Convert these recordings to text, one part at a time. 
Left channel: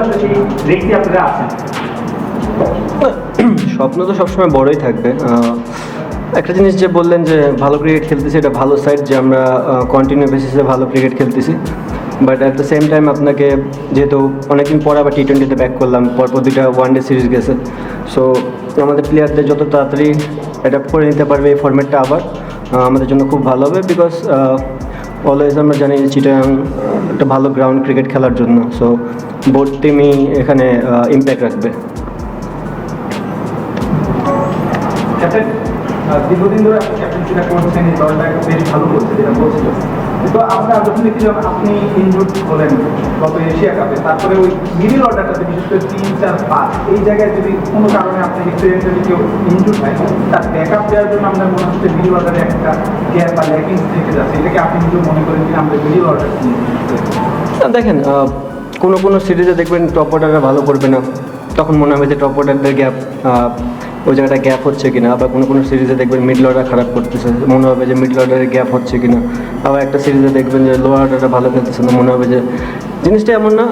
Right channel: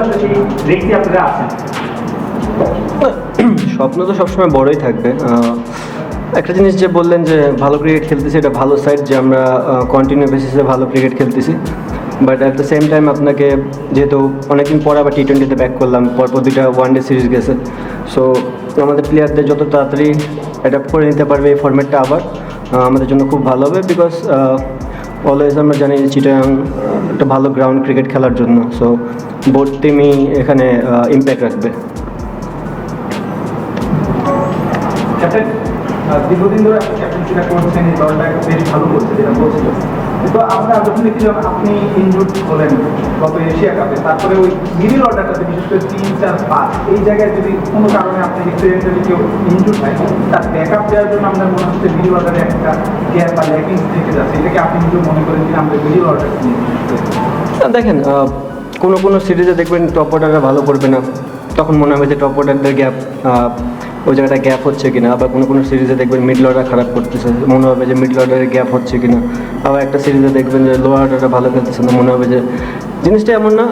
আসলে সেই রেখে আপনারা আছেন? স্বপ্ন তো সবসময় বড়ই থাকবে। একটা জিনিস যে বললেন যে ভালো ক্রিকেট খেলতেছি, এটা ভালো সাইড যে আমরা কন্টিনিউ বেসিসে ভালো ক্রিকেট খেলতেছি। But at the same time আপনাকে যেহেতু অনেকদিন পর আবার টি-20তে ব্যাক করলাম, পরপর 2টা ওয়ানডে সিরিজ গেছে, সো আমাদের প্লেয়ারদের যত তাড়াতাড়ি অ্যাডাপ্ট করে নিতে পারবে এই ফর্ম্যাটটা আবার আমাদের জন্য খুব ভালো হবে। বিকজ অলওয়েজ আমরা জানি যে চিটাগাং একটা ভালো গ্রাউন্ড ক্রিকেট খেলার জন্য, সো বোথ টিমই এখানে ইম্প্যাক্ট রাখবে। ক্যাপ্টেন, দীর্ঘদিন ধরে আপনি ক্যাপ্টেন্সিটা করছেন, এই দলটা বেশ ভালো করছে যেটা বলছিল, কিন্তু আমরা যখন দেখছিলাম আপনি ইনজুর্ড হলেন গত এশিয়া কাপে, তারপরে ওই মিডিল অর্ডারটাতে বিশেষ করে 3, 4, 5 এই জায়গায় যদি কোনো কারণে আপনি এক্সিডেন্টালি কেউ ইনজুর্ড হয়, তার ব্যাকআপ দেওয়ার জন্য আমাদের মনে হচ্ছে মিডিল অর্ডারে একটা গ্যাপ বা ল্যাকিংস থেকে যাচ্ছে। এটাকে আপনি যদি মনে করেন যে আমরা মিডিল অর্ডার দেখেন, কোনো সিরিজে দেখবেন টপ অর্ডাররা ভালো করবে না, তখন মনে হবে যে টপ অর্ডারদের গ্যাপ, ওই জায়গাটা গ্যাপ হচ্ছে কিনা। আবার কোনো সিরিজে দেখবেন মিডল অর্ডার খারাপ করতেছে, মনে হবে যে মিডল অর্ডারের গ্যাপ হচ্ছে কিনা। আবার একটা সিরিজে দেখবেন যে লোয়ার অর্ডারটা ভালো খেলতেছে না, মনে হবে যে জিনিসটা এমন না।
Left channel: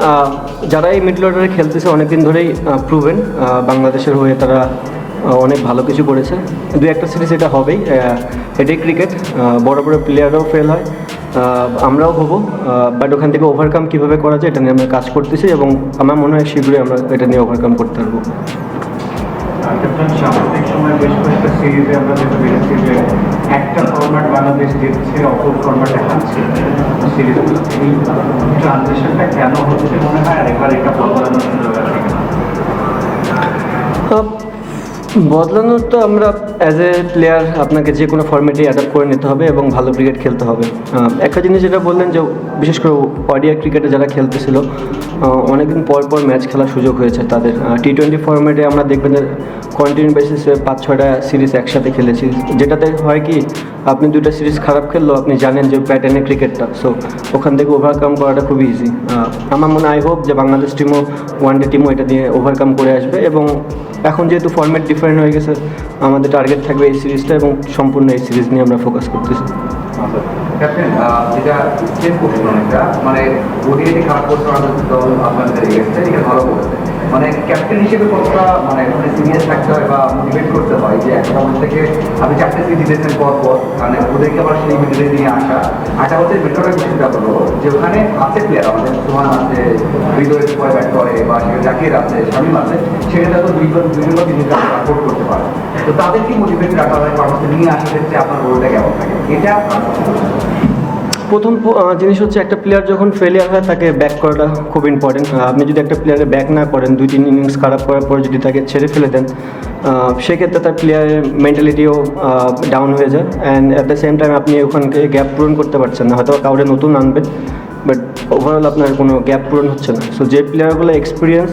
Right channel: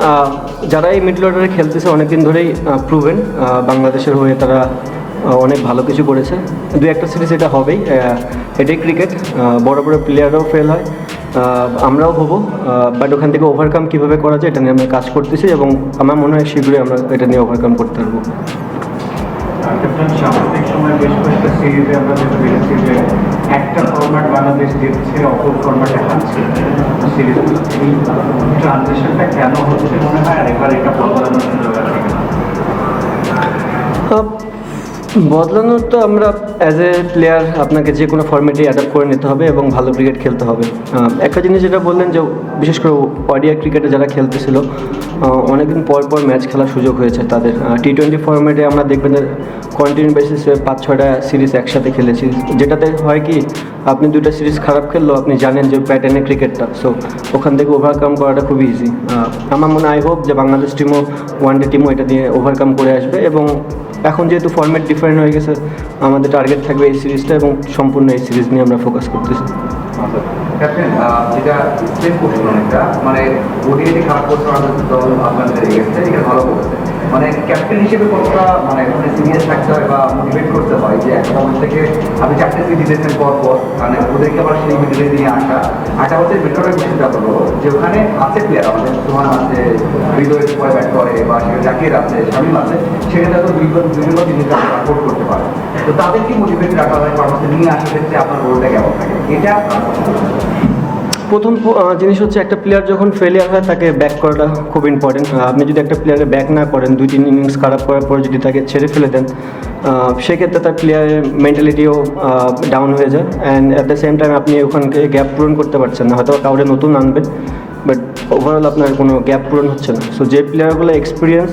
যারা এই মিডল অর্ডারে খেলতেছে অনেকদিন ধরেই প্রুভেন, বাংলাদেশের হয়ে তারা অনেক ভালো কিছু করেছে। 2-1টা সিরিজ এটা হবেই, এটাই ক্রিকেট। বড় বড় প্লেয়াররাও ফেল হয়, আমরাও হবো, বাট ওখান থেকে ওভারকাম কীভাবে করা যায় এটা নিয়ে আমরা কাজ করতেছি, এবং আমার মনে হয় শীঘ্রই আমরা এটা নিয়ে ওভারকাম করতে পারবো। সাম্প্রতিক সময় বেশ কয়েকটা সিরিজে আমরা যেটা দেখেছি যে একটা ফরম্যাট বাংলাদেশ জিতছে, অপর ফরম্যাটে হারছে। বদলানোর তো আমরা অ্যাজ এ প্লেয়ার আপনাকে যে কোনো ফর্মেটে অ্যাডাপ্ট করে নিতে হবে এবং ভালো ক্রিকেট খেলতে হবে। একটা জিনিস যেটা বললেন যে বিশেষ করে ওডিআই ক্রিকেটে যারা খেলতেছিল অনেকদিন পর ম্যাচ খেলার সুযোগ হয়েছে তাদের। টি-20 ফর্মেটে আমরা দেখবেন যে কন্টিনিউ বেসিসে 5-6টা সিরিজ একসাথে খেলেছি, যেটাতে হয় কি আপনি 2টা সিরিজ খারাপ খেললেও আপনি জানেন যে প্যাটার্নে ক্রিকেটটা, সো ওখান থেকে ওভারকাম করাটা খুবই ইজি। আমার মনে আই হোপ যে বাংলাদেশ টিমও, ওয়ানডে টিমও এটা দিয়ে ওভারকাম করে আসবে। এবং এখন যেহেতু ফর্ম্যাট ডিফারেন্ট হয়ে গেছে, আমাদের টার্গেট থাকবে এই সিরিজটা, এবং সম্পূর্ণ এই সিরিজ নিয়ে আমরা ফোকাস করতেছি। আপনি ক্যাপ্টেন্সি জিতেছেন পর মানে ওদেরকে আবার সেই মিডিলে নিয়ে আসা। একটা হচ্ছে বেটারের বিষয়টা হলো যে ওখানে আছে প্লেয়ার, আমাদের তোমার আছে হৃদয় ব্যাট করে বা জাকির আছে, শামিম আছে, সেখানে তো ভূমিকা সাপোর্ট করতে পারে। তো তাদের কি মোটিভেশন আপনাদের মানুষকে নিয়ে আসছেন যে আপনার রোলটা কেমন এটা? প্রথম জিনিস হচ্ছে একটা প্লেয়ার যখন ফেলিয়ার হয় তাকে ব্যাক করাটা খুব ইম্পর্টেন্ট। আপনি যদি একটা প্লেয়ারে ব্যাক না করেন, 2-3 ইনিংস খারাপ করার পর যদি তাকে ছেড়ে ফেলে দেন, সেক্ষেত্রে তার প্লেয়ারের মেন্টালিটিও ডাউন হয়ে যায়। And at the same time আপনি ওখানকে গ্যাপ পূরণ করতে পারছেন না, হয়তো কাউরে নতুন আনবেন, বাট ওভারঅল আপনার কোনো গ্যাপ পূরণ হচ্ছে না। সো যে প্লেয়ারগুলো এক্সপিরিয়েন্স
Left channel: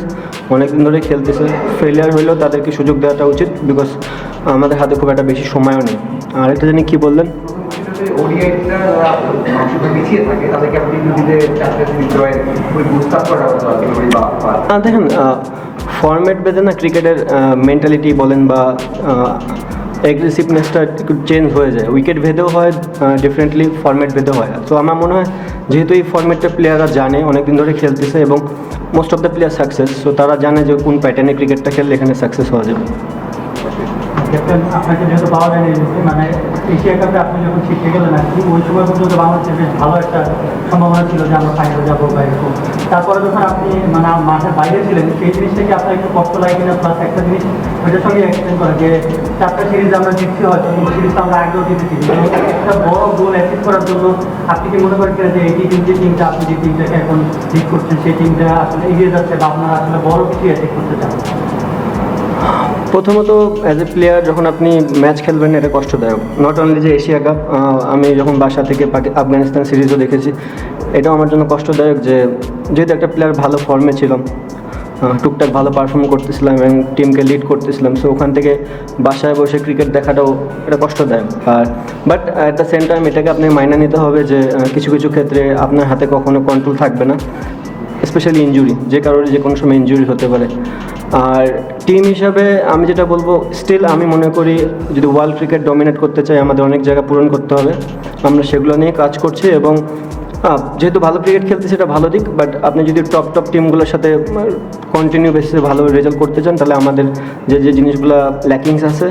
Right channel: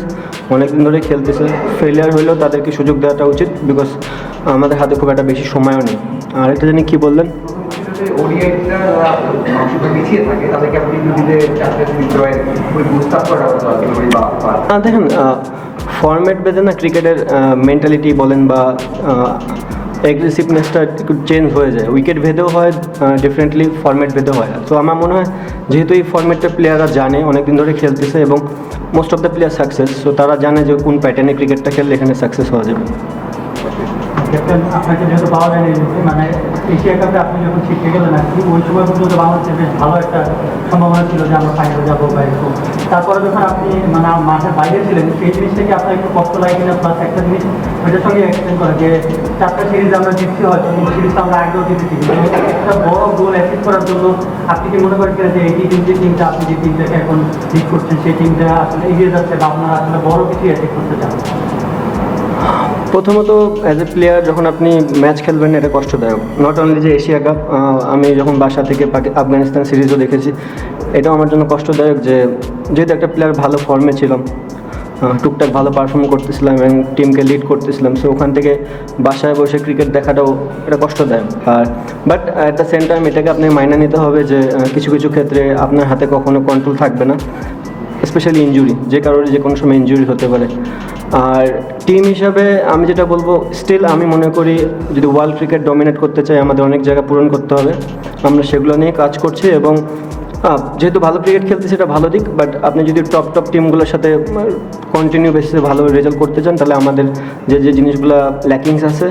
অনেকদিন ধরে খেলতেছে, ফেলিয়ার হলেও তাদেরকে সুযোগ দেওয়াটা উচিত, বিকজ আমাদের হাতে খুব একটা বেশি সময়ও নেই। আর একটা জিনিস কী বললেন, দেখেন ফরম্যাট বেঁধে না ক্রিকেটের মেন্টালিটি বলেন বা অ্যাগ্রেসিভনেসটা একটু চেঞ্জ হয়ে যায়, উইকেট ভেদেও হয়, ডিফারেন্টলি ফরম্যাট ভেদেও হয়। তো আমার মনে হয় যেহেতু এই ফরম্যাটটা প্লেয়াররা জানে, অনেকদিন ধরে খেলতেছে এবং most of the player success, so তারা জানে যে কোন প্যাটার্নে ক্রিকেটটা খেললে এখানে সাকসেস হওয়া যাবে। ক্যাপ্টেন, আপনাকে যেহেতু পাওয়া যায়নি, মানে এশিয়া কাপে আপনি যখন শিখে গেলেন আর কি, ওই সময় পর্যন্ত বাংলাদেশের বেশ ভালো একটা সম্ভাবনা ছিল যে আমরা সামনে যাবো। তারপরে যখন আপনি বেরিয়েছিলেন, সেই জিনিসটাকে আপনি একটু তথ্য লাগে কিনা, ফার্স্ট একটা জিনিস ওইটার সঙ্গে অ্যাক্সেন্ট করা যে 4টা সিরিজ আমরা জিতছি, হয়তো সিরিজটা আমরা আগেও জিতেছি। একটা বড় গোল অ্যাচিভ করার জন্য আপনি কি মনে করেন যে এই যে টিমটা, আপনি যে টিমটাকে এখন লিড করছেন, সেই টিমটা আসলে এগিয়ে যাচ্ছে বা আপনারা আসলে বড় কি অ্যাচিভ করতে চান? প্রথমত অ্যাজ এ প্লেয়ার যখন আপনি ম্যাচ খেলবেন এটা কষ্টদায়ক। নট অনলি যে এশিয়া কাপ, আমি যখন বাসা থেকে আফগানিস্তান সিরিজও দেখেছি, এটাও আমার জন্য কষ্টদায়ক যে যেহেতু একটা প্লেয়ার ভালো ফর্মে ছিলাম, টুকটাক ভালো পারফর্ম করতেছিলাম এবং টিমকে লিড করতেছিলাম, সো ওখান থেকে বাসায় বসে ক্রিকেট দেখাটাও এটা কষ্টদায়ক। আর but at the same time এটাকে আপনি মাইনে নিতে হবে যে কিছু কিছু ক্ষেত্রে আপনার হাতে কখনো কন্ট্রোল থাকবে না, স্পেশালি ইনজুরি, যে কারণে যে কোনো সময় ইনজুরি হতে পারে। আর টিম হিসাবে আমি যেটা বলবো, স্টিল আমি মনে করি যদি ওয়ার্ল্ড ক্রিকেট ডমিনেট করতে চাই আমাদের অনেক জায়গা পূরণ করতে হবে, আমরা সেগুলো নিয়ে কাজ করছি এবং যেহেতু ভালো ক্রিকেট খেলতে সেটা ভালো দিক, বাট আপনি যদি টপ টিমগুলোর সাথে কন্টিনিউ বেসিসে ভালো রেজাল্ট করতে চান, তাহলে আমাদের যে জিনিসগুলো ল্যাকিংস আছে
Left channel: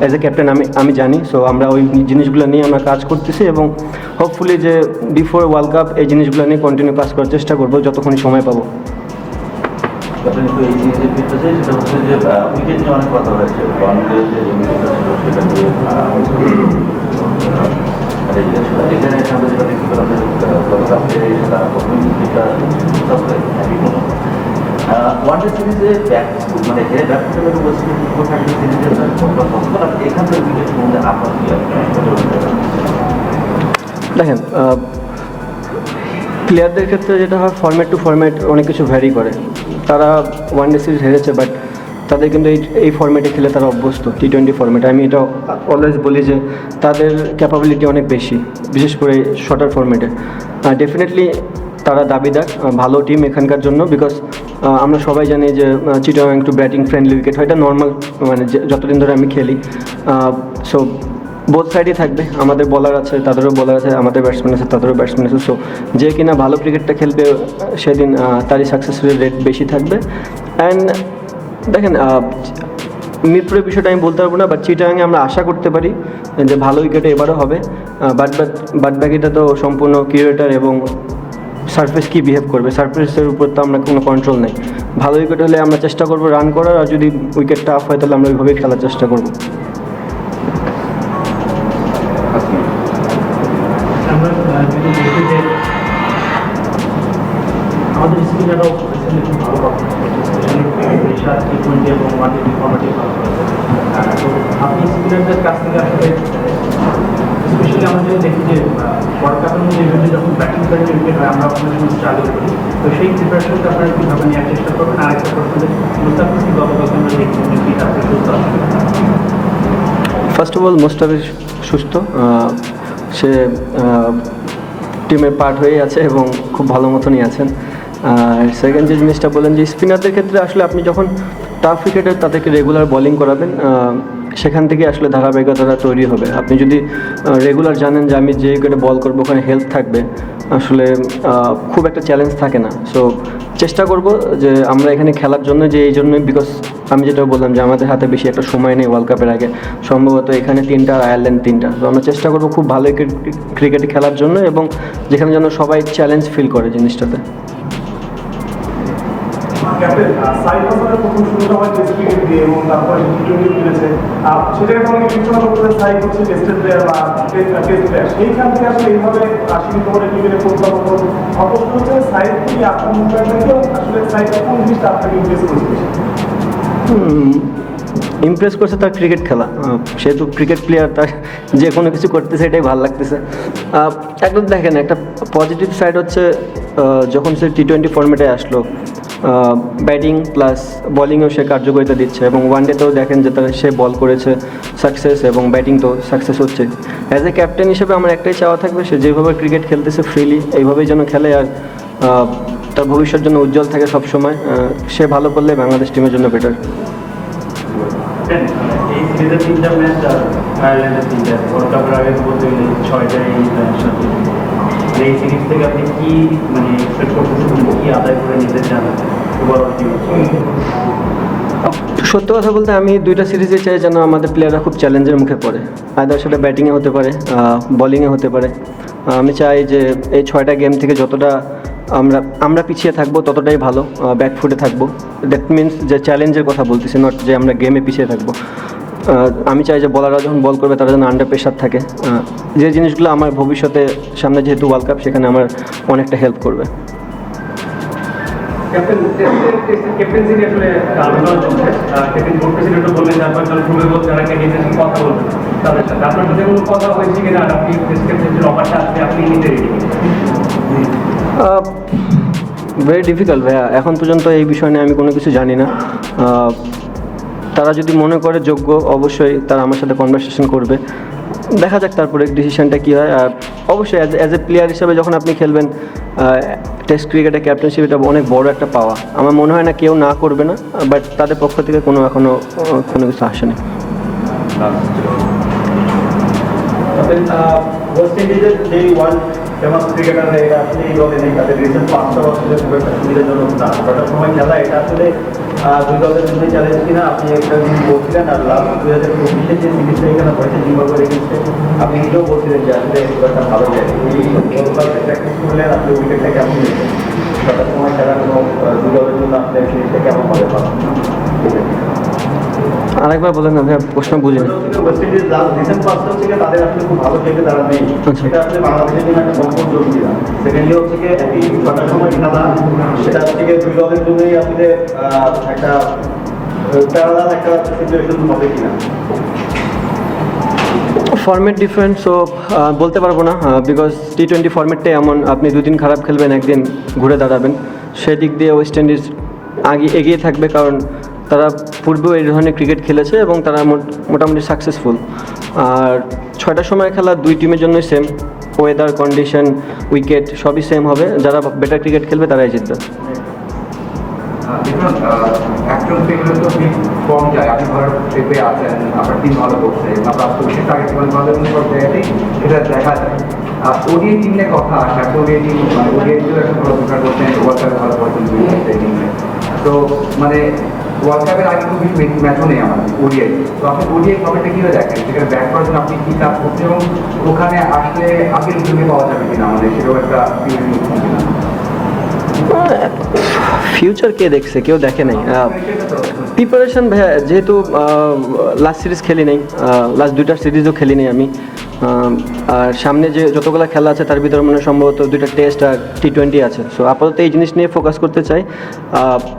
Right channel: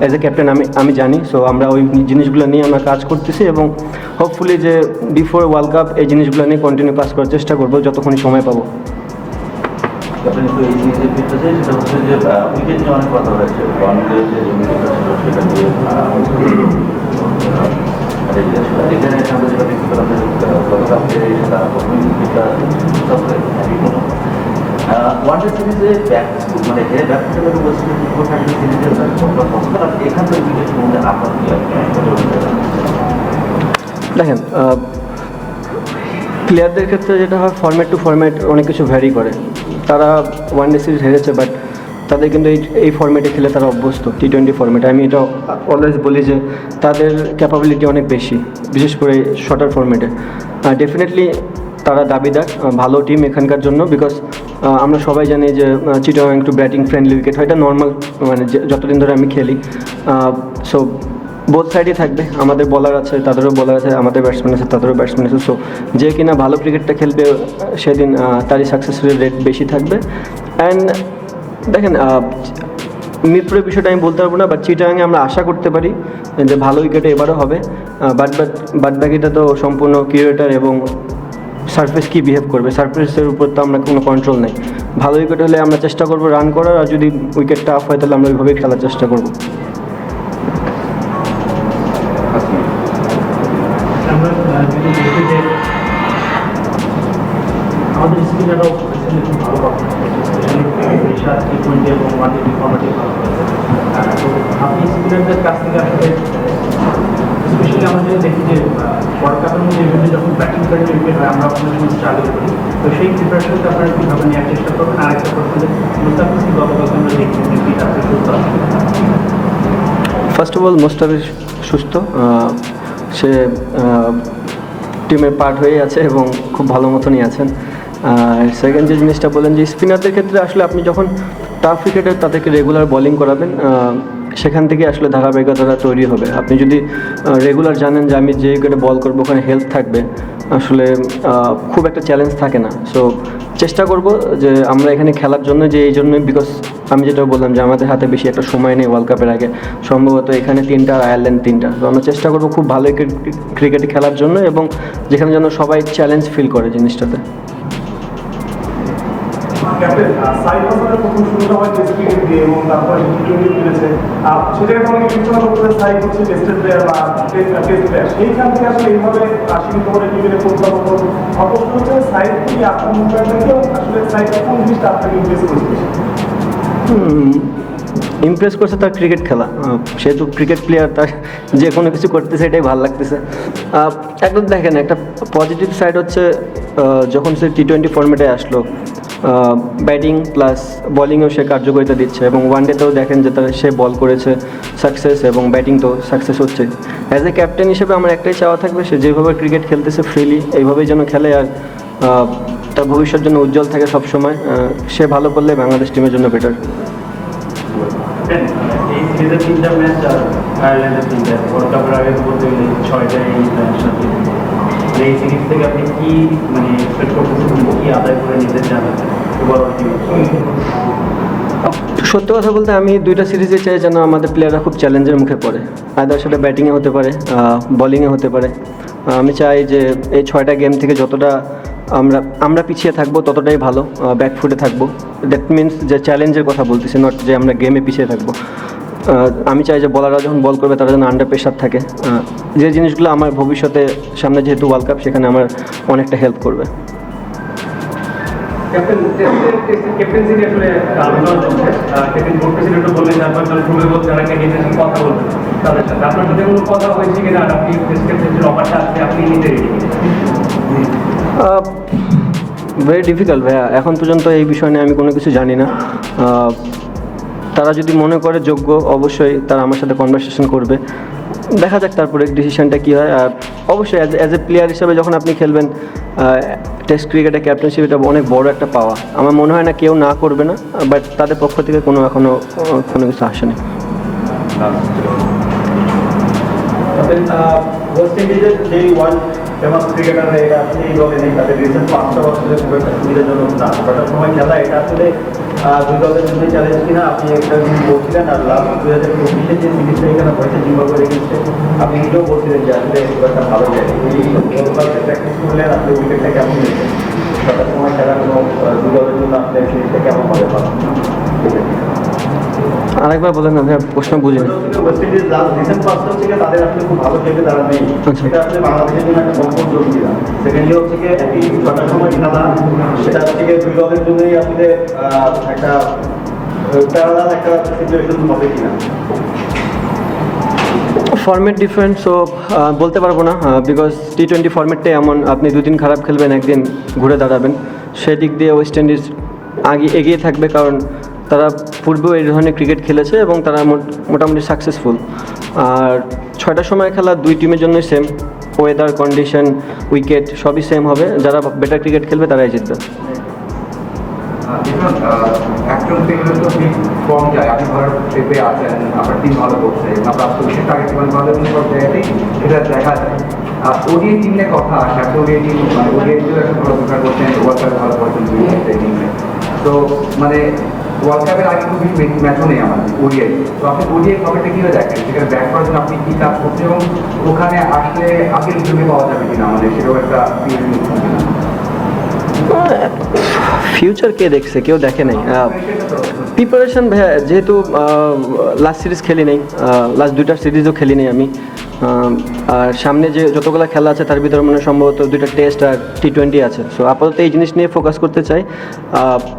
অ্যাজ এ ক্যাপ্টেন আমি জানি। সো আমরা ওই জিনিসগুলো নিয়ে আমরা কাজ করতেছি এবং হোপফুলি যে বিফোর ওয়ার্ল্ড কাপ এই জিনিসগুলো নিয়ে কন্টিনিউ কাজ করার চেষ্টা করবো যতক্ষণ সময় পাবো। ক্যাপ্টেন তো এই জিনিসের ফিরতেছে, সেটা হচ্ছে যে উইকেট নিয়ে অনেক কথা হয়েছে, ওয়ানডে যে উইকেটটা ছিল সেটা নিয়ে এখানে আমরা যেটা দেখতে পেলাম যে গতকালকে সেটা প্রথম উইকেটটা ওয়ানডে সিরিজে মানে হেরে ব্যাট করতে বলছি সিরিজে এখান থেকে উইকেট মধ্যে আপনার কি দেখেন, প্লেয়ারদের ক্ষেত্রে যেটা হয় ফরম্যাট টু ফরম্যাট অনেক কিছু ভ্যারি করে। তারা ওয়ানডে সিরিজ হেরেছে, বাট তাদের কিন্তু এই ফরম্যাটে খেলে তারা অভ্যস্ত, T20 ফরম্যাটে। আমি এটা অলওয়েজ বলি যে তাদের ক্যাপাবিলিটি অনেক বেশি, বিশেষ করে শর্টার ফরম্যাটে। ডেফিনেটলি তারা দাবিদার ভালো টিম এখানকার জন্য, বিকজ আমরা সবাই জানি যে চিটাগাং একটু ব্যাটিং ফ্রেন্ডলি উইকেট হয়, এটা নর্মাল, মানে যতদিন ধরে আমি খেলি। সো বোথ সাইডই থাকবে, আমাদের বলার আছে, তাদেরও বলার আছে, আমাদের ব্যাটসম্যান আছে, তাদেরও ব্যাটসম্যান আছে। সো যে কিনা ভালো ক্রিকেটটা খেলবে সেদিন তারই সাকসেস রেট বেশি থাকবে। অ্যান্ড দেখেন, মিরপুরের বিষয়টা আমি বলতে পারবো না, বাট চিটাগাংয়ে আমরা আশা করতে পারি যে ভালো উইকেটে এবারও হবে। বাট বাকিটা তো সম্পূর্ণ ক্রিকেটার এবং সারফেস কী বিহেভ করবে, সারফেসের উপর তো আমরা কোনো কন্ট্রোল নেই। ভালো উইকেট হলে আমরা চেষ্টা করবো রান করার, আর যদি উইকেট টাফ হয় তাহলে আমরা ওইভাবেই খেলার চেষ্টা করবো। আমরা যদি দেখি যে আমাদের স্পিনাররাও খুব ভালো T20 এবং ওয়ানডে ফরম্যাটে ভালো করেছে। তো আপনি স্পিনারদের কাছ থেকে আসলে স্পেশালি আমাদের দেখি যে ওয়ার্ল্ড কাপের মধ্যে যখন ব্যাটিং করে আমরা চালু, তো সেই প্রিপারেশনটা আপনারা কীভাবে নেওয়ার চেষ্টা করুন? ফার্স্ট অফ অল মুস্তাফিজ সুস্থ, সে টিমের পার্ট হয়ে আছে এবং খুব ভালো মতনই আছেন। আর সেকেন্ড যে জিনিসটা বলেন যে স্পিনারদের ক্ষেত্রে আসলে আপনি যখন টাফ উইকেটে তাদেরকে রেগুলার বোলিং করাবেন, সেখান থেকে আসলে ধারাবাহিকতা তৈরি হবে। আপনি যদি রেগুলার জানেন যে আমি যে উইকেটে বল করবো ওখানে হেল্প থাকবে, আসলে খুব একটা চ্যালেঞ্জ থাকে না। সো চেষ্টা করব যে আমরা এখানে খেলার জন্য, যে এই জন্যই, বিকজ আমি যেটা বললাম যে আমাদের হাতে বেশি একটা সময় নেই ওয়ার্ল্ড কাপের আগে, সম্ভবত এখানে 3টা আয়ারল্যান্ড 3টা। তো আমরা চেষ্টা করবো খুব ভালো ক্রিকেট খেলার জন্য, এবং যেখানে যেন সবাই চ্যালেঞ্জ ফিল করে জিনিসটাতে। ক্যাপ্টেন সাইড ওভারের প্রথম শুরুটা হয় টেস্ট ক্রিকেট দিয়ে এবং তারপরে T20 খেলেছে, সেখানে তোমাকে বিবেচনা করতে সাইড হচ্ছে টেস্টেড প্লেয়ার বা টেস্ট প্লেয়ার, সেইখান থেকে আসলে এইভাবে সীমিত করে ক্রিকেটে ফুটবল অবশ্য হচ্ছে সাইড থেকে আপনার মুম্বাইটাকেও আসলে সাইড কোন জিনিসটা আপনাকে ইন্টারেস্ট করছে? ইমপ্রেস করছে তার ক্রিকেট খেলা, সেহেতু ক্রিকেট প্লেয়ার, তার যে কোনো কিছু করতেছে এটাই ভালো লাগতেছে। একদম দেখেন, একটা পজিটিভ সাইড হচ্ছে যখন সে T20 ফরম্যাটে আসলো, ব্যাটিং প্লাস বলিংয়েও সে কার্যকারিতা দিচ্ছে, এবং ওয়ানডেতেও দেখেন যে সে বল করেছে সাকসেস, এবং ব্যাটিং তো সাকসেস হচ্ছে। অ্যাজ এ ক্যাপ্টেন হিসেবে আমার একটাই চাওয়া থাকবে, সে যেভাবে ক্রিকেট খেলতেছে ফ্রিলি এইভাবেই যেন খেলে, আর তার ভবিষ্যৎ জন্য উজ্জ্বল থাকে সবসময়। সে ভালো করলে বাংলাদেশ টিমের জন্য বেটার। সত্য কথা বলতে আমি 2টা সিরিজে চাই যেন আমাদের প্লেয়াররা খুব চ্যালেঞ্জের মুখে পড়ে, আদার সাথে ব্যাটিংয়ে হতে পারে, বোলিংয়ে হতে পারে। আমি চাই যে এই 6টা গেম থেকে যতটা আমরা পিছিয়ে থাকবো ততটাই ভালো, ব্যাকফুটে থাকবো। দ্যাট মিনস যে চ্যালেঞ্জের কথা বলতেছি, নট যে আমরা গেমে পিছিয়ে থাকবো। আমি চাই যে বলাররা যখন বল করবে তারা যেন আন্ডার প্রেশার থাকে, যে জিনিসগুলো আমার ভবিষ্যতে সামনে যেহেতু ওয়ার্ল্ড কাপ, সেখানে আমার অনেকটা হেল্প করবে। ক্যাপ্টেন্সি আসলে ক্যাপ্টেন করতেছিল তো বললেন আপনার খুবই বলতে অনেকে নিয়ে কথা বলছেন, তাদের সাথে আপনার সাথে কোনো কথা হয়েছে কিনা? আপনি ক্যাপ্টেন্সির অফারটা আছে, আপনি নিতে ভেরি ডিফিকাল্ট ভাইয়া, এখন পর্যন্ত এই বিষয় নিয়ে আমি কোনো কিছু জানি না। তারা যদি মনে করে যোগ্য, অবশ্যই তারা আমার সাথে কনভারসেশন করবে, দেখা যাক তারপরে ডিসিশনটা কী হয়। আর অবশ্যই অ্যাজ এ প্লেয়ার হিসেবে যখন আপনি খেলবেন টেস্ট ক্রিকেটে ক্যাপ্টেনশিপ, এটা অনেক বড় একটা পাওয়া। আমার মনে হয় না কেউ না করবে না, বাট তাদের পক্ষ থেকে এখনও কোনো কিছু আসেনি। ওয়েস্ট ইন্ডিজের এই ওয়ার্ল্ড ফেমাস ক্রিকেটার এটা আসলে দুই দলের মধ্যে চ্যালেঞ্জ কিনা আপনি একটা জিনিস বলছিলেন, আর লাস্ট 2024 যে সিরিজটা এখানে হয়েছে জিম্বাবুয়ে এগেইনস্টে, আপনি নিজেও বলছিলেন যে আসলে খুব একটা ভালো যায় এই গতকালকে প্র্যাকটিস করলে আপনি উইকেটটা কেমন নিয়েছেন, সবার সময় খেলা কোনো দুই দলের জন্য আপনি সিরিজটা কেমন হবে পাবেন? আরেকবার বলেন না ভাইয়া, প্রশ্ন বুঝিনি। ওয়েস্ট ইন্ডিজ লাস্ট রিসেন্ট পাঁচজন থেকে তাদের আসলে খুব ভালো খেলতে তারা নেই, সেটা আসলে বাংলাদেশের জন্য একটা কমফোর্ট জোন ছিল। সেকেন্ডলি হচ্ছে গিয়ে একই ছটার সময় খেলা, সেটা হচ্ছে গিয়ে দুই দলের জন্যই আসলে একটা প্যারালাল একটা সিচুয়েশন হবে কিনা। ফর্মেট ডিফারেন্ট, সো বলতে পারবো না, বিকজ T20 ফর্মেটটাই এমন, আপনি দুদিন খারাপ খেলবেন, একদিন ঘুরে দাঁড়াবেন। সেদিক দিয়ে ওয়েস্ট ইন্ডিজ এগিয়ে থাকবে, কারণ তারা পূর্বেও এই ধরনের ক্রিকেট খেলেছে এবং তারা মোটামুটি সাকসেসফুল। আর 6টার সময় খেলা দুই টিমের জন্যই সেম, ওয়েদার কন্ডিশন, উইকেট সবই সেম হবে, যারা বেটার ক্রিকেট খেলবে তারাই জিতবে। একজন থেকে তো ঠিক কম যায়, আপনি ধর ট্রিপে আছেন, আপনার টিম ভালো করছে, আপনার সে টার্গেট ভালো করতে এটা দেখা যায়। আর ওডিআই টিম নিয়ে কথা আসে, একটা ওডিআই টিম মানে ওডিআই টিম একটা ভালো প্রিফার করছেন, ওয়ার্ল্ড কাপে ভালো করছেন টিমে। তো মানে ওয়ার্ল্ড কাপের আগে তো কিছু ম্যাচও নেই আমাদের ওডিআই। তো আপনি ওডিআই ফর্মেটটা কীভাবে দেখেন, সেখানে ব্যাক করার জন্য আপনি কী কাজ করছেন এবং ওখানে আসলে আগের জন্য পাওয়া যাবে কিনা আমাদের, সেটাও একটা ফিউচার কে দেখছে, কেউ দেখে নেই। প্রিপারেশন ভাইয়া, যেহেতু লাস্ট সিরিজ খেলি নেই, লাস্ট 2টা সিরিজও খেলি নেই আমি, আর সামনে যে যতগুলো খেলা আছে তার ভিতরে মনে হয় সম্ভবত 2টা টেস্ট আর T20 আছে। সো আপাতত এই জিনিস নিয়ে ফোকাস করতে চাই।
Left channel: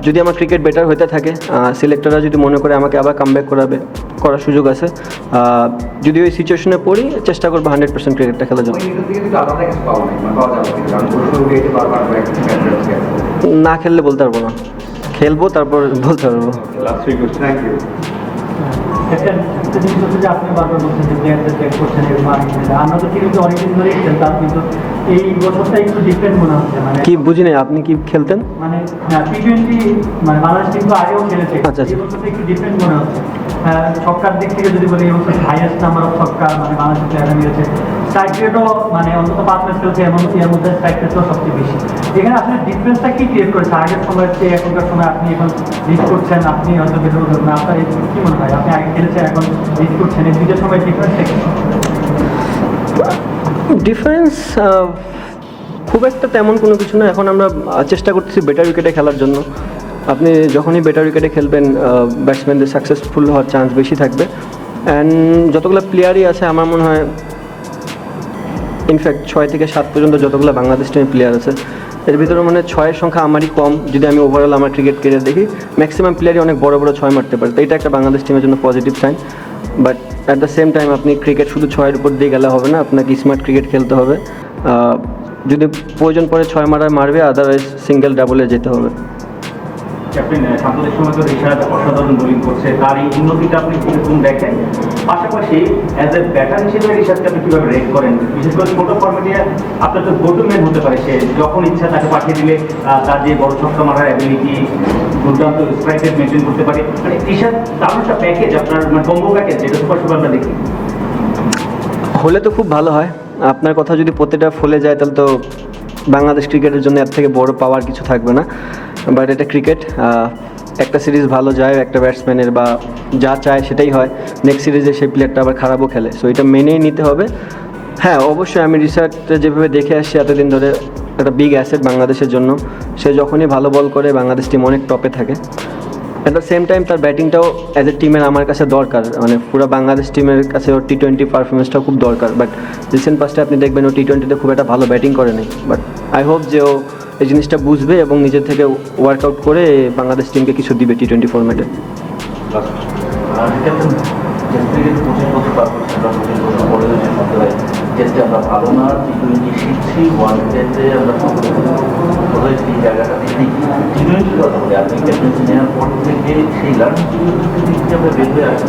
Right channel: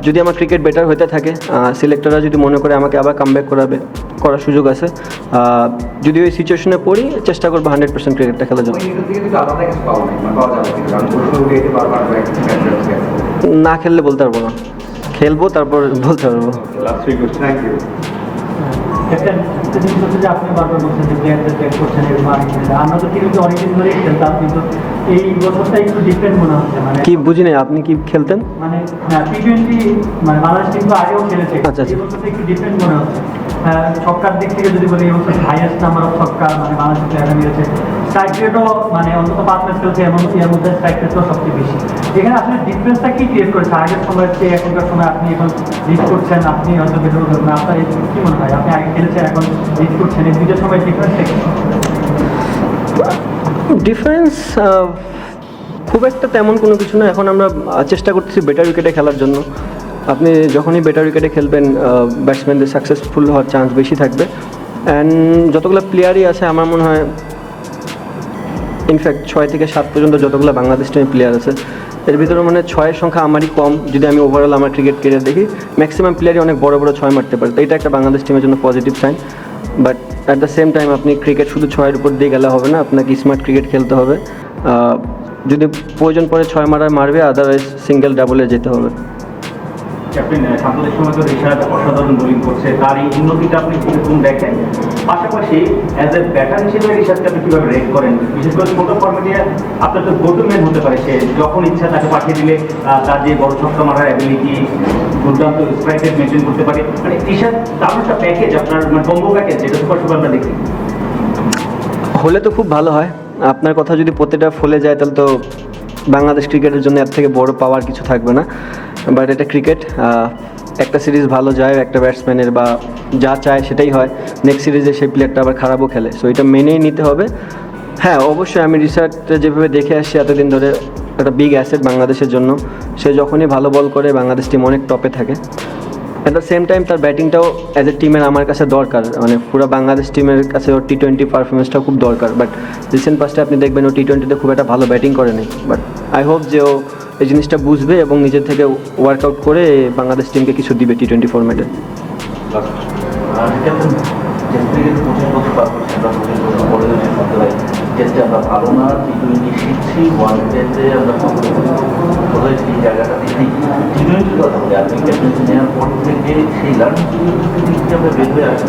যদি আমার ক্রিকেট বেটার হতে থাকে, সিলেক্টররা যদি মনে করে আমাকে আবার কামব্যাক করার সুযোগ আছে, যদি ওই সিচুয়েশনে পড়ি চেষ্টা করবো 100% ক্রিকেটটা খেলার জন্য। না খেললে বলতে পারবো না, খেলবো তারপর বলতে পারবো। আপনি বাবা বলছেন যে একটা চেক করছেন, আমরা তো কিন্তু অনেকদিন ধরে খেলতাম, কিন্তু এই বছরটা একটু ডিফারেন্ট মনে হচ্ছে। কি বুঝি না, আপনি কি খেলতেন? মানে T20 বাংলাদেশ কিন্তু আগেও খেলেছে, আচ্ছা, আচ্ছা। এই বছরটা একটু ডিফারেন্ট মনে হচ্ছে। ছক্কার দিক থেকে যদি বলি, এই বছর হাইয়েস্ট নাম্বার অফ ছক্কা মানে বাংলাদেশ প্লেয়াররা নিয়েছে। স্ট্রাইক রেটও মানে অন্তত 5 ম্যাচ খেলছে, এর মধ্যে স্ট্রাইক রেটও সবচেয়ে বেশি। এখানে আসলে ডিফারেন্সটা কি ক্রিয়েট করেছে আগের সময়ের চেয়ে এখনকার সময়? আপনি এখন লিড করছেন, আপনি হয়তো বেরো না, আপনার কি মনে হয়? আপনি আগে খেলেছেন, এখন লিড করছেন, এই দুইটার সময় ডিফারেন্সটা কি? ডিফারেন্স খুব একটা তেমন কোনো কিছু না। এখন আমরা চেষ্টা করতেছি বেটার উইকেটে খেলার জন্য। আপনি যখনই বেটার উইকেটে খেলবেন, ব্যাটসম্যানদের সাকসেসফুল হওয়ার চান্স বেশি থাকবে। অ্যান্ড যতগুলো প্লেয়ারই আছে আমার মনে হয়, ইনফ্যাক্ট 6 থেকে 7 পর্যন্ত যতগুলো বাংলাদেশ টিমের প্লেয়ার আছে, এর ভিতরে মনে হয় 6-এর সংখ্যা আমারই কম। যদি আমি ওভারঅল আমার ক্রিকেট প্লেয়ার দেখি, ম্যাক্সিমাম প্লেয়ারই অনেক বড় বড় 6 মারতে পারে। তো এটা একটা বাংলাদেশ টিমের জন্য positive sign. But at the same time আপনি ক্রিকেট শুধু 6-এর উপর দিয়ে গেলে হবে না, আপনাকে স্মার্ট ক্রিকেট খেলতে হবে। যদি প্রয়োজন পড়ে 6 মারবে, আদারওয়াইজ সিঙ্গেল ডাবলে যেতে হবে। ক্যাপ্টেন সাম্প্রতিক সময় তো ঋষাদ অসাধারণ বোলিং করছে, তার এই উন্নতিটা আপনি কিরকম দেখেন? পাশাপাশি অ্যাজ এ ব্যাটার হিসেবে ঋষাদকে আপনি কীভাবে রেট করেন? বিশেষ করে ছোটো ফর্মেটে আপনার তো গোটু ম্যান হতে পারে, সে যখন ইচ্ছা তাকে পাঠিয়ে দিলে তার যে বড় ছক্কা মারার অ্যাবিলিটি, দুর্দান্ত স্ট্রাইক রেট মেনটেন করতে পারে, মানে ঋষাদ দারুণ একটা প্যাকেজ, আপনার মানে বম্বু প্যাকেজ, যেটা স্পষ্ট আমরা দেখি। হলে তো খুব ভালো হয়। আপনার কথা যদি প্রতিটা ফলে যায়, তাহলে তো বাংলাদেশ ক্রিকেটের জন্য এর থেকে বড় পাওয়ার কিছু থাকবে না। বাট এটা ক্রিকেট, একটা সিরিজ ভালো যায় একটা ব্যাটসম্যানের, বা যা চায় সেটাই হয়। নেক্সট সিরিজে সেই প্লেয়ারটা আবার খারাপও খেলে, সো এটা মেনেই নিতে হবে। হ্যাঁ, অবশ্যই আমি রিসার্চটা যেভাবে দেখে আসছি এতদিন ধরে, একটা বিগ অ্যাসেট বাংলাদেশের জন্য। সে যখনই ভালো বল করে বাংলাদেশ টিম অনেক টপে থাকে। অ্যাট দ্য সেম টাইম তার ব্যাটিংটাও অ্যাজ এ টিমের আমার কাছে দরকার, মানে পুরো বাংলাদেশ টিমের কাছে ওর T20 পারফরমেন্সটাও খুব দরকার। বাট রিসেন্ট পাস্টে আপনি দেখবেন ও T20-তে খুব একটা ভালো ব্যাটিং করে নেই। বাট আই হোপ যে ও এই জিনিসটা বুঝবে এবং নিজের থেকে ওয়ার্কআউট করে বাংলাদেশ টিমকে কিছু দিবে T20 ফর্ম্যাটে। টেস্টে আমরা ভালো না, T20 শিখছি, ওয়ান ডেতে আমরা সেই জায়গাটা দেখি নেওয়ার পর থেকে সেই লার্নিংগুলো আমরা বেরিয়ে আসি।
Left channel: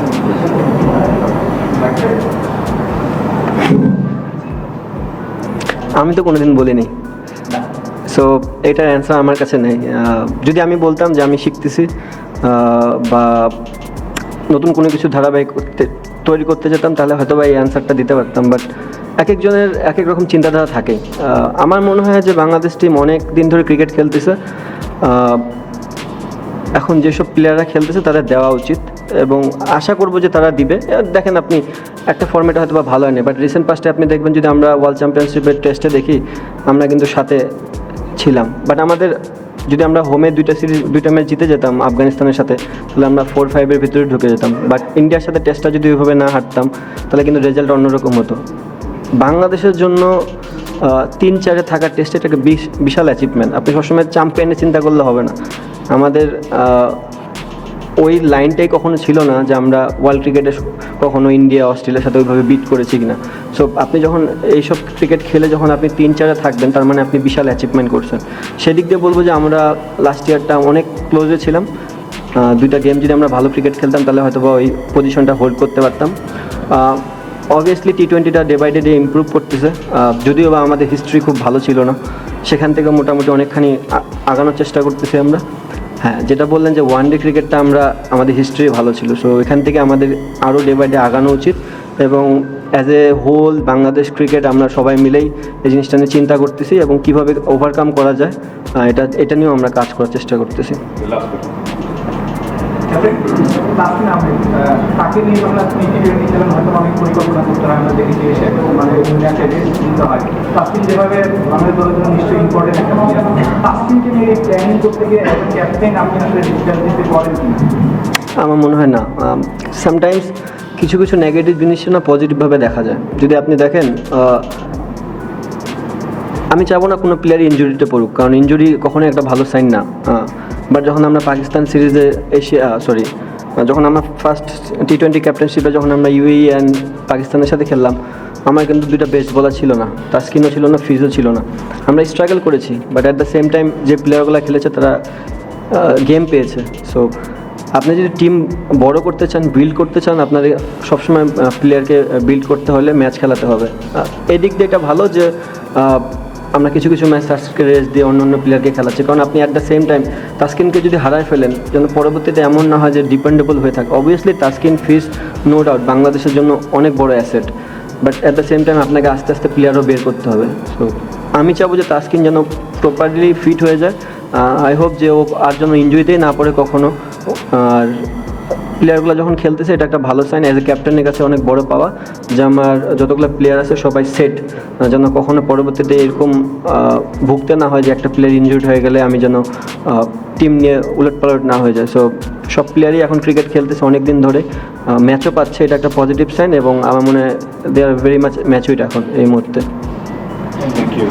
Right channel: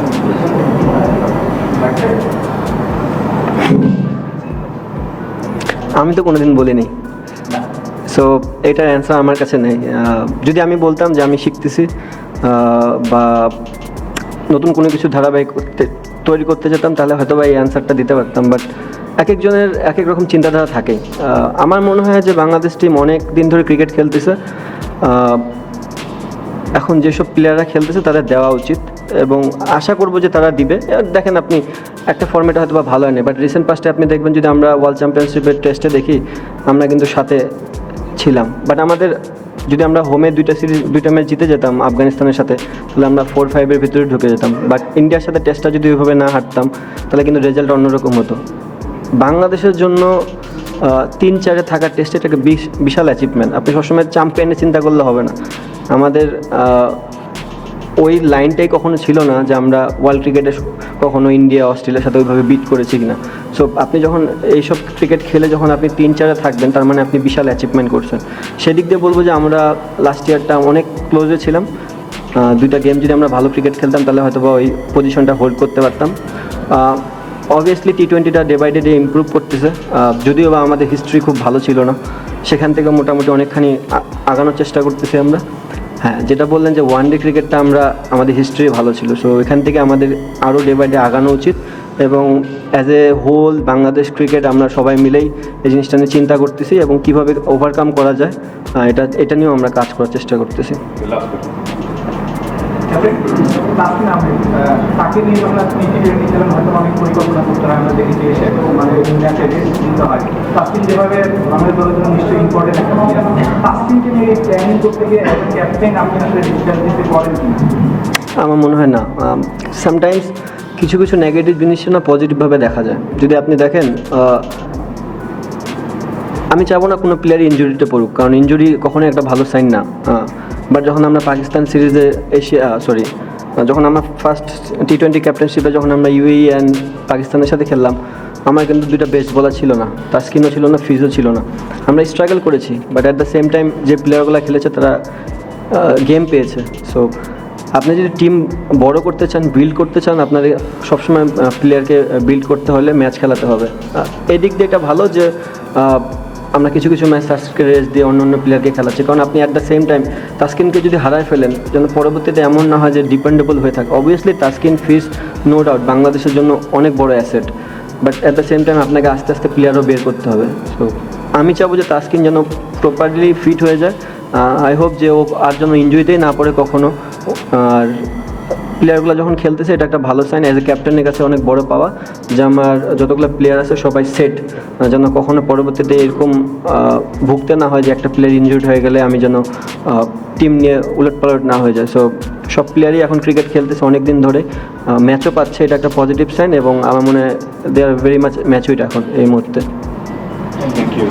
আমি তো কোনোদিন বলিনি, সো এটার অ্যান্সার আমার কাছে নেই। যদি আমি বলতাম যে আমি শিখতেছি বা নতুন কোনো কিছু ধারাবাহিক তৈরি করতে যেতাম, তাহলে হয়তো বা এই অ্যান্সারটা দিতে পারতাম। বাট এক একজনের এক এক রকম চিন্তাধারা থাকে। আমার মনে হয় যে বাংলাদেশ টিম অনেক দিন ধরে ক্রিকেট খেলতেছে, এখন যেসব প্লেয়াররা খেলতেছে তাদের দেওয়া উচিত এবং আশা করবো যে তারা দিবে। দেখেন আপনি একটা ফর্মেটে হয়তো বা ভালো হয়নি, বাট রিসেন্ট পাস্টে আপনি দেখবেন যদি আমরা ওয়ার্ল্ড চ্যাম্পিয়নশিপের টেস্টে দেখি আমরা কিন্তু সাথে ছিলাম, বাট আমাদের যদি আমরা হোমে দুইটা ম্যাচ জিতে যেতাম আফগানিস্তানের সাথে তাহলে আমরা 4-5-এর ভিতরে ঢুকে যেতাম, বাট ইন্ডিয়ার সাথে টেস্টটা যদি ওইভাবে না হারতাম তাহলে কিন্তু রেজাল্ট অন্যরকম হতো। বাংলাদেশের জন্য 3-4-এ থাকার টেস্টে এটাকে বিশাল অ্যাচিভমেন্ট। আপনি সবসময় চ্যাম্পিয়নে চিন্তা করলে হবে না। আমাদের ওই লাইনটাই কখনো ছিল না যে আমরা ওয়ার্ল্ড ক্রিকেটে কখনো ইন্ডিয়া অস্ট্রেলিয়ার সাথে ওইভাবে বিট করেছি কিনা। সো আপনি যখন এইসব ক্রিকেট খেলে যখন আপনি 3-4-এ থাকবেন তার মানে আপনি বিশাল অ্যাচিভমেন্ট করছেন। সেদিক দিয়ে বলবো যে আমরা লাস্ট ইয়ারটা অনেক ক্লোজে ছিলাম। দুইটা গেম যদি আমরা ভালো ক্রিকেট খেলতাম তাহলে হয়তো বা ওই পজিশনটা হোল্ড করতে পারতাম। অবভিয়াসলি T20টা ডে বাই ডে ইমপ্রুভ করতেছে, যদিও বা আমাদের হিস্ট্রি খুব ভালো ছিল না, সেখান থেকে মোটামুটি অনেকখানি আগানোর চেষ্টা করতেছি আমরা। হ্যাঁ, যেটা বললেন যে ওয়ানডে ক্রিকেটটা আমাদের হিস্ট্রি ভালো ছিল, সো এখান থেকে আমাদের আরও ডে বাই ডে আগানো উচিত এবং as a whole Bangladesh cricket আমরা সবাই মিলেই এই জিনিসটা নিয়ে চিন্তা করতেছি এবং কীভাবে ওভারকাম করা যায় এটা নিয়েও আমরা কাজ করার চেষ্টা করতেছি। তাকে নিয়ে যখন আপনি টি-20 খেলেন হয়তো অনেক পরিকল্পনা করতে আমরা দেখেছি মানে ম্যাচে ভিন্ন হয়। তাকে যেভাবে আমাদের দল নিশ্চয়ই করে আমার মনে হয় না। সামটাইমস কিছু কিছু নেগেটিভ জিনিস না পজিটিভভাবে দেখা যায়। যদি আপনি দেখেন, আমি চাবো না কোনো প্লেয়ার ইনজুরিতে পড়ুক, কারণ ইনজুরি কখনোই একটা ভালো সাইন না। বা যখন আমরা পাকিস্তান সিরিজে যখন আমরা ফার্স্ট T20 ক্যাপ্টেনশিপে যখন আমরা UAE অ্যান্ড পাকিস্তানের সাথে খেললাম, আমার কিন্তু দুইটা বেস্ট বলার ছিল না, তাসকিনও ছিল না, ফিজও ছিল না। আমরা স্ট্রাগল করেছি, but at the same time যে প্লেয়ারগুলো খেলেছে তারা গেম পেয়েছে। সো আপনি যদি টিম বড় করতে চান, বিল্ড করতে চান, আপনাকে সবসময় প্লেয়ারকে বিল্ড করতে হলে ম্যাচ খেলাতে হবে। এই দিক দিয়ে এটা ভালো যে আমরা কিছু কিছু ম্যাচ তাস্কিনকে রেস্ট দিয়ে অন্য অন্য প্লেয়ারকে খেলাচ্ছি, কারণ আপনি অ্যাট দ্য সেম টাইম তাসকিনকে যদি হারায় ফেলেন তাহলে পরবর্তীতে এমন না হয় যে ডিপেন্ডেবল হয়ে থাকে। অবভিয়াসলি তাসকিন, ফিজ, নো ডাউট বাংলাদেশের জন্য অনেক বড় asset, but at the same time আপনাকে আস্তে আস্তে প্লেয়ারও বের করতে হবে। সো আমি চাবো যে তাসকিন যেন প্রপারলি ফিট হয়ে যায়। আই হোপ যে ও আর যেন ইনজুরিতেই না পড়ে কখনো। আর প্লেয়ারগুলো যখন খেলতেছে এটা একটা ভালো সাইন, অ্যাজ এ ক্যাপ্টেনের কাছে অনেক বড় পাওয়া যে আমার যতগুলো প্লেয়ার আছে সবাই সেট, যেন কখনো পরবর্তীতে এরকম ভুগতে না হয় যে একটা প্লেয়ার ইনজুরিড হয়ে গেলে আমি যেন টিম নিয়ে উলটপালট না হয়ে যায়। সো সব প্লেয়ারই এখন ক্রিকেট খেলতেছে অনেক দিন ধরে, ম্যাচও পাচ্ছে, এটা একটা পজিটিভ সাইন এবং আমার মনে হয় দে আর ভেরি মাচ ম্যাচুইড এখন এই মুহূর্তে। Thank you.